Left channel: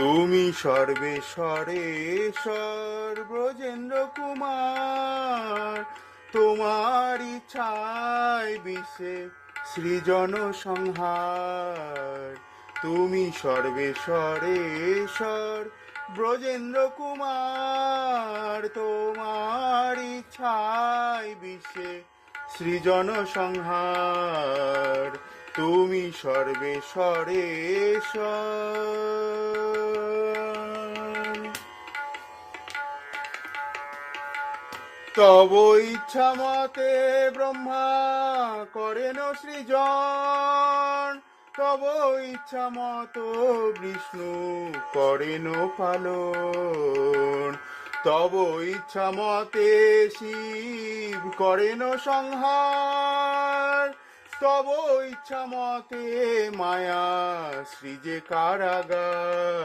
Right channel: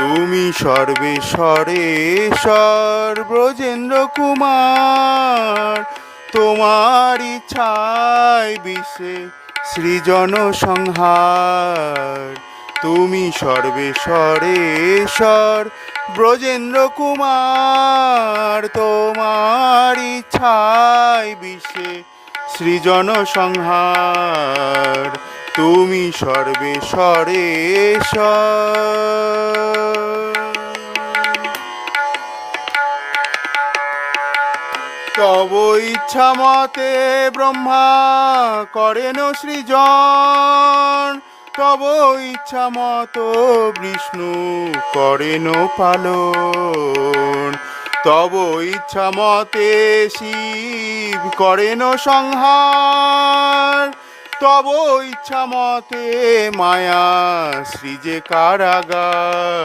তুমি সর্বেশ্বরেশ্বর ব্রজেন্দ্র কুমার, তোমার ইচ্ছায় বিশ্বে সৃজন সংহার। তুমি সর্বেশ্বরেশ্বর ব্রজেন্দ্র কুমার, তোমার ইচ্ছায় বিশ্বে সৃজন সংহার। তুমি সর্বেশ্বরেশ্বর। তব ইচ্ছা মতে ব্রহ্মা করেন সৃজন, তব ইচ্ছা মত বিষ্ণু করেন পালন। তব ইচ্ছা মতে শিব করেন সংহার, তব ইচ্ছা মতে মায়া সৃজে কারাগার।